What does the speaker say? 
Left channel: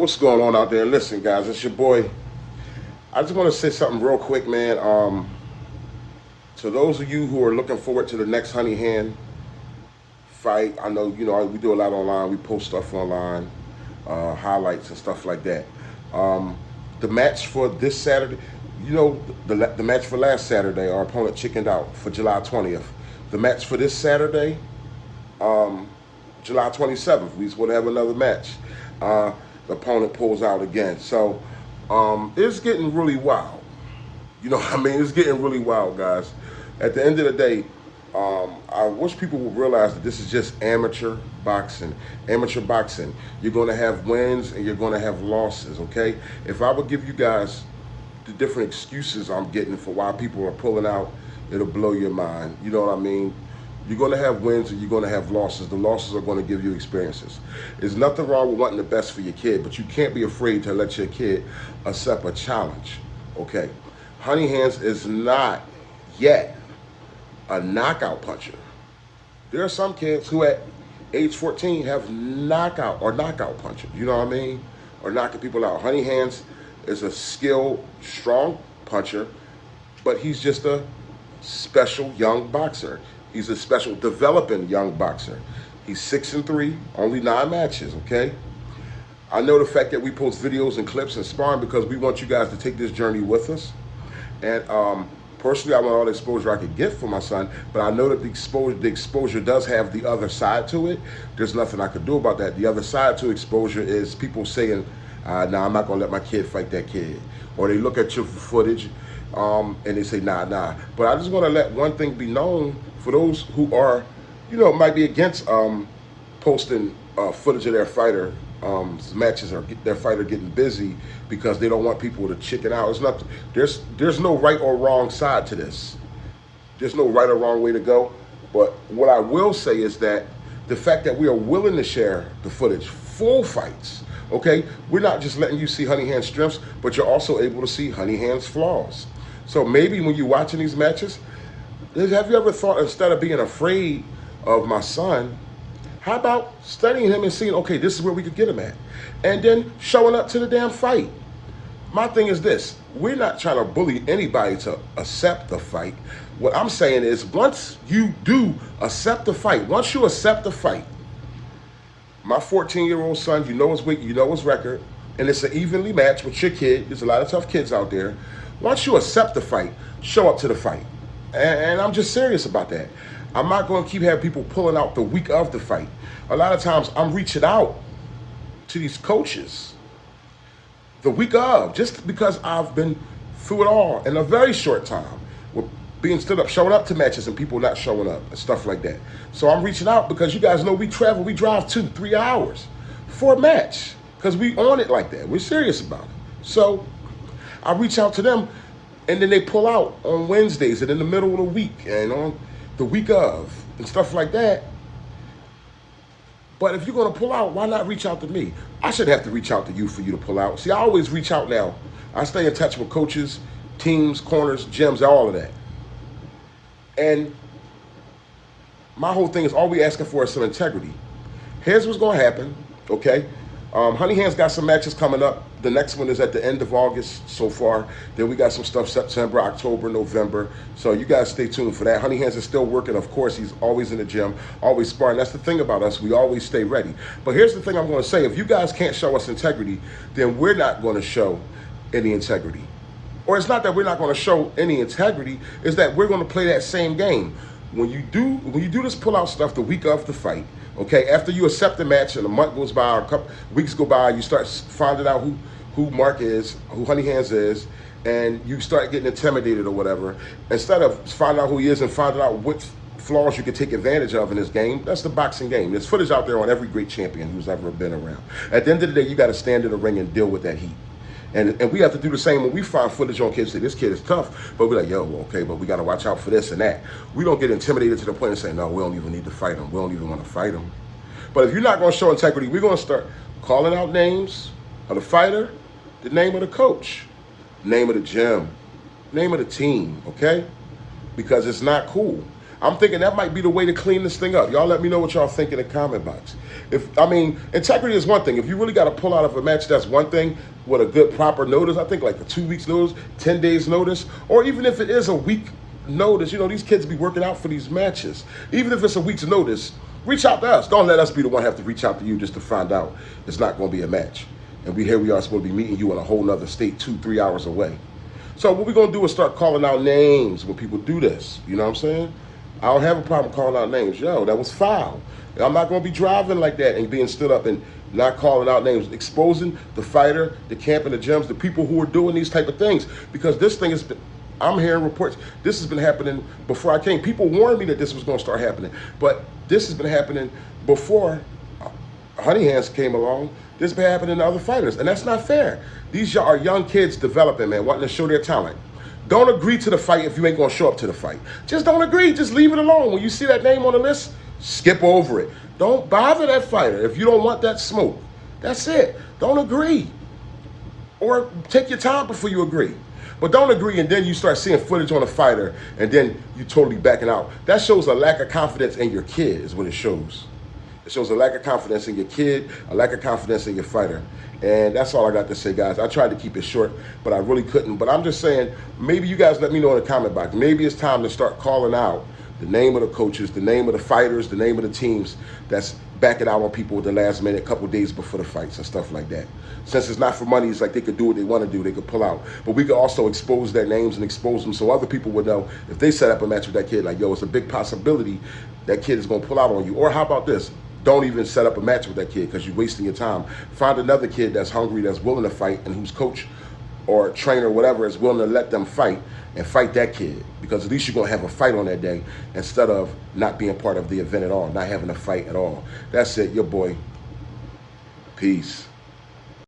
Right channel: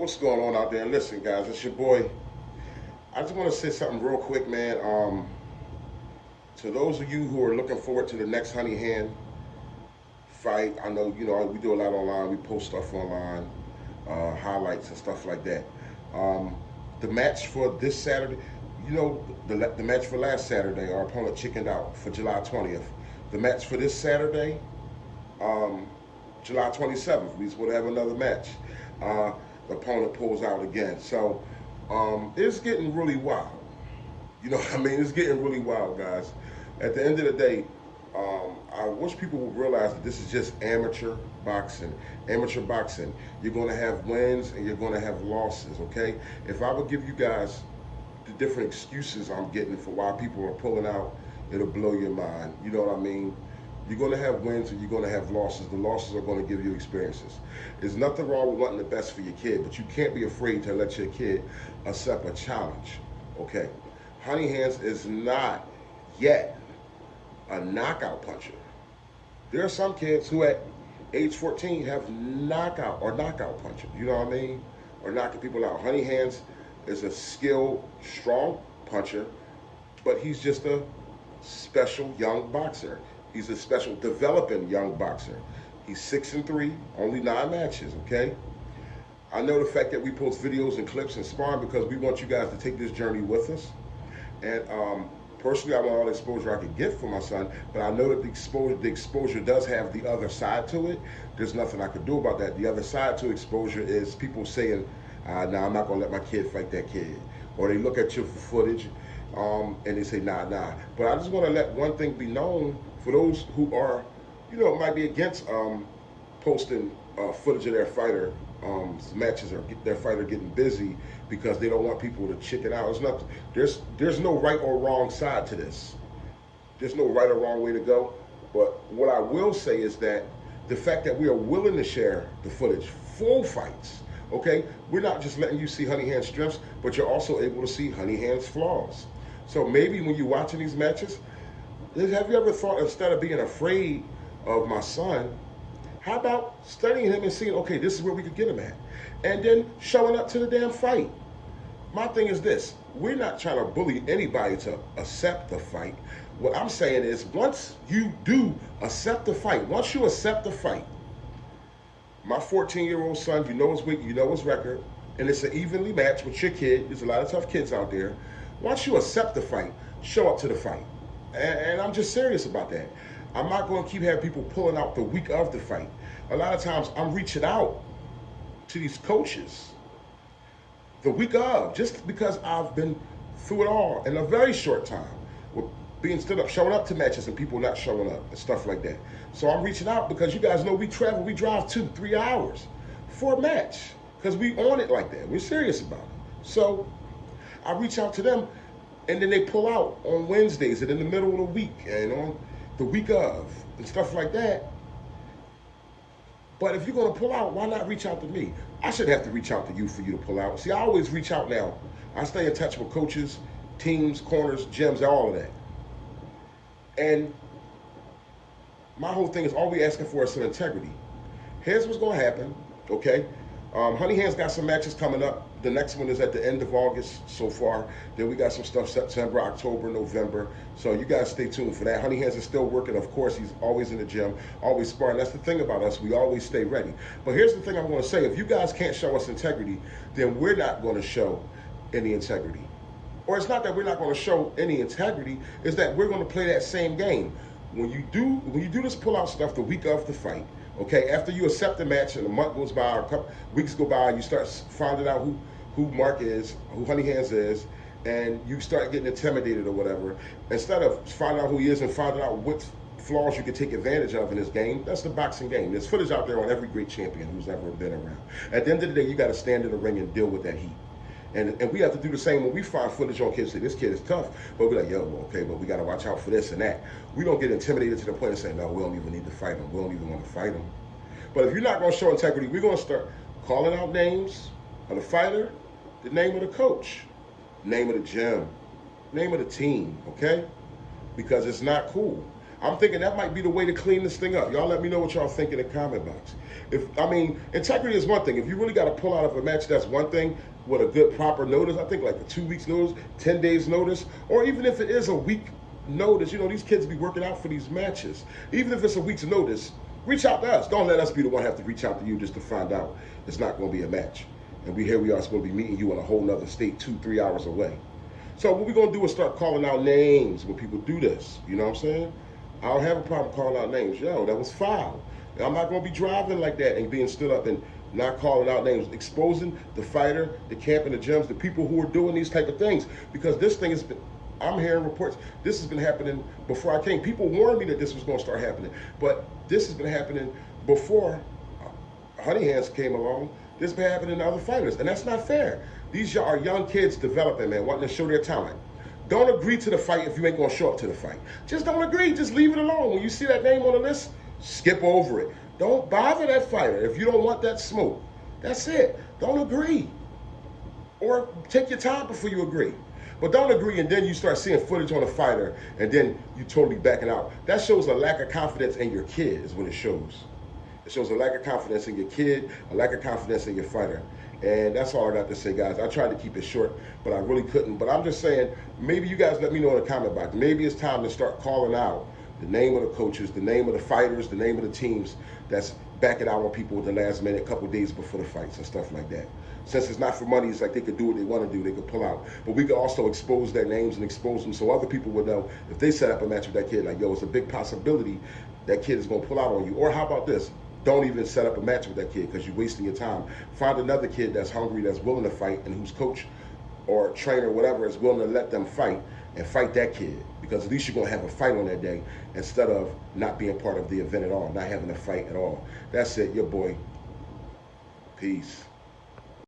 What's going on out there? Listen, guys, it's your boy. I just want to say something real quick, man. To those of you who are looking forward to the next Honey Hand fight, I know we do a lot online. We post stuff online, highlights and stuff like that. The match for this Saturday, the match for last Saturday, our opponent chickened out for July 20th. The match for this Saturday, July 27th, we supposed to have another match. The opponent pulls out again. So it's getting really wild. You know what I mean? It's getting really wild, guys. At the end of the day, I wish people would realize that this is just amateur boxing. Amateur boxing. You're going to have wins and you're going to have losses, okay? If I would give you guys the different excuses I'm getting for why people are pulling out, it'll blow your mind. You know what I mean? You're going to have wins and you're going to have losses. The losses are going to give you experiences. There's nothing wrong with wanting the best for your kid, but you can't be afraid to let your kid accept a challenge, okay? Honey Hands is not yet a knockout puncher. There are some kids who at age 14 have knockout puncher, you know what I mean? Or knocking people out. Honey Hands is a skilled, strong puncher, but he's just a special young boxer. He's a special developing young boxer. He's 6-3, only 9 matches, okay? I know the fact that we post videos and clips and sparring because we want you guys to take this journey with us. And personally, I want all the exposure I could get for my son, but I know that the exposure does have the other side to it. There's nothing I could do about that. The other side to exposure is people saying, nah, I'm not gonna let my kid fight that kid. Or they look at your footage and they say, nah. But I just wanna let one thing be known for those who are, might be against posting footage of their fighter matches or their fighter getting busy because they don't want people to chicken out. It's not. There's no right or wrong side to this. There's no right or wrong way to go. But what I will say is that the fact that we are willing to share the footage, full fights, okay? We're not just letting you see Honey Hand's strengths, but you're also able to see Honey Hand's flaws. So maybe when you're watching these matches, have you ever thought, instead of being afraid of my son, how about studying him and seeing, okay, this is where we could get him at? And then showing up to the damn fight. My thing is this, we're not trying to bully anybody to accept the fight. What I'm saying is, once you do accept the fight, once you accept the fight, my 14-year-old son, you know his weight, you know his record, and it's an evenly matched with your kid. There's a lot of tough kids out there. Once you accept the fight, show up to the fight. And I'm just serious about that. I'm not going to keep having people pulling out the week of the fight. A lot of times I'm reaching out to these coaches the week of, just because I've been through it all in a very short time with being stood up, showing up to matches and people not showing up and stuff like that. So I'm reaching out because you guys know we travel, we drive 2-3 hours for a match because we on it like that. We're serious about it. So I reach out to them and then they pull out on Wednesdays and in the middle of the week and on the week of and stuff like that. But if you're gonna pull out, why not reach out to me? I shouldn't have to reach out to you for you to pull out. See, I always reach out now. I stay in touch with coaches, teams, corners, gyms, all of that. And my whole thing is all we asking for is some integrity. Here's what's gonna happen, okay? Honey Hands got some matches coming up. The next one is at the end of August so far. Then we got some stuff September, October, November. So you guys stay tuned for that. Honey Hands is still working. Of course, he's always in the gym, always sparring. That's the thing about us. We always stay ready. But here's the thing I'm going to say. If you guys can't show us integrity, then we're not going to show any integrity. Or it's not that we're not going to show any integrity. It's that we're going to play that same game. When you do this pull-out stuff the week of the fight, okay, after you accept the match and a month goes by or a couple weeks go by, you start finding out who Mark is, who Honey Hands is, and you start getting intimidated or whatever. Instead of finding out who he is and finding out what flaws you can take advantage of in this game, that's the boxing game. There's footage out there on every great champion who's ever been around. At the end of the day, you got to stand in the ring and deal with that heat. And we have to do the same when we find footage on kids. Say, this kid is tough, but we're like, yo, okay, but we got to watch out for this and that. We don't get intimidated to the point of saying, no, we don't even need to fight him. We don't even want to fight him. But if you're not going to show integrity, we're going to start calling out names of the fighter, the name of the coach, name of the gym, name of the team, okay? Because it's not cool. I'm thinking that might be the way to clean this thing up. Y'all let me know what y'all think in the comment box. I mean, integrity is one thing. If you really got to pull out of a match, that's one thing. With a good proper notice, I think like a 2 weeks notice, 10 days notice, or even if it is a week notice, you know, these kids be working out for these matches. Even if it's a week's notice, reach out to us. Don't let us be the one have to reach out to you just to find out it's not going to be a match. And here we are supposed to be meeting you in a whole nother state 2-3 hours away. So what we're going to do is start calling out names when people do this. You know what I'm saying? I don't have a problem calling out names. Yo, that was foul. I'm not going to be driving like that and being stood up and not calling out names, exposing the fighter, the camp, and the gyms, the people who are doing these type of things. Because this thing has been, I'm hearing reports, this has been happening before I came. People warned me that this was going to start happening. But this has been happening before Honey Hands came along. This has been happening to other fighters. And that's not fair. These are young kids developing, man, wanting to show their talent. Don't agree to the fight if you ain't going to show up to the fight. Just don't agree. Just leave it alone. When you see that name on the list, skip over it. Don't bother that fighter if you don't want that smoke. That's it. Don't agree. Or take your time before you agree. But don't agree and then you start seeing footage on a fighter and then you totally backing out. That shows a lack of confidence in your kid is what it shows. It shows a lack of confidence in your kid, a lack of confidence in your fighter. And that's all I got to say, guys. I tried to keep it short, but I really couldn't. But I'm just saying, maybe you guys let me know in the comment box. Maybe it's time to start calling out the name of the coaches, the name of the fighters, the name of the teams that's backing out on people at the last minute, a couple days before the fights and stuff like that. Since it's not for money, it's like they could do what they want to do. They could pull out. But we could also expose their names and expose them so other people would know if they set up a match with that kid, like, yo, it's a big possibility that kid is going to pull out on you. Or how about this? Don't even set up a match with that kid because you're wasting your time. Find another kid that's hungry, that's willing to fight, and whose coach or trainer or whatever is willing to let them fight and fight that kid. Because at least you're going to have a fight on that day instead of not being part of the event at all, not having a fight at all. That's it, your boy. Peace.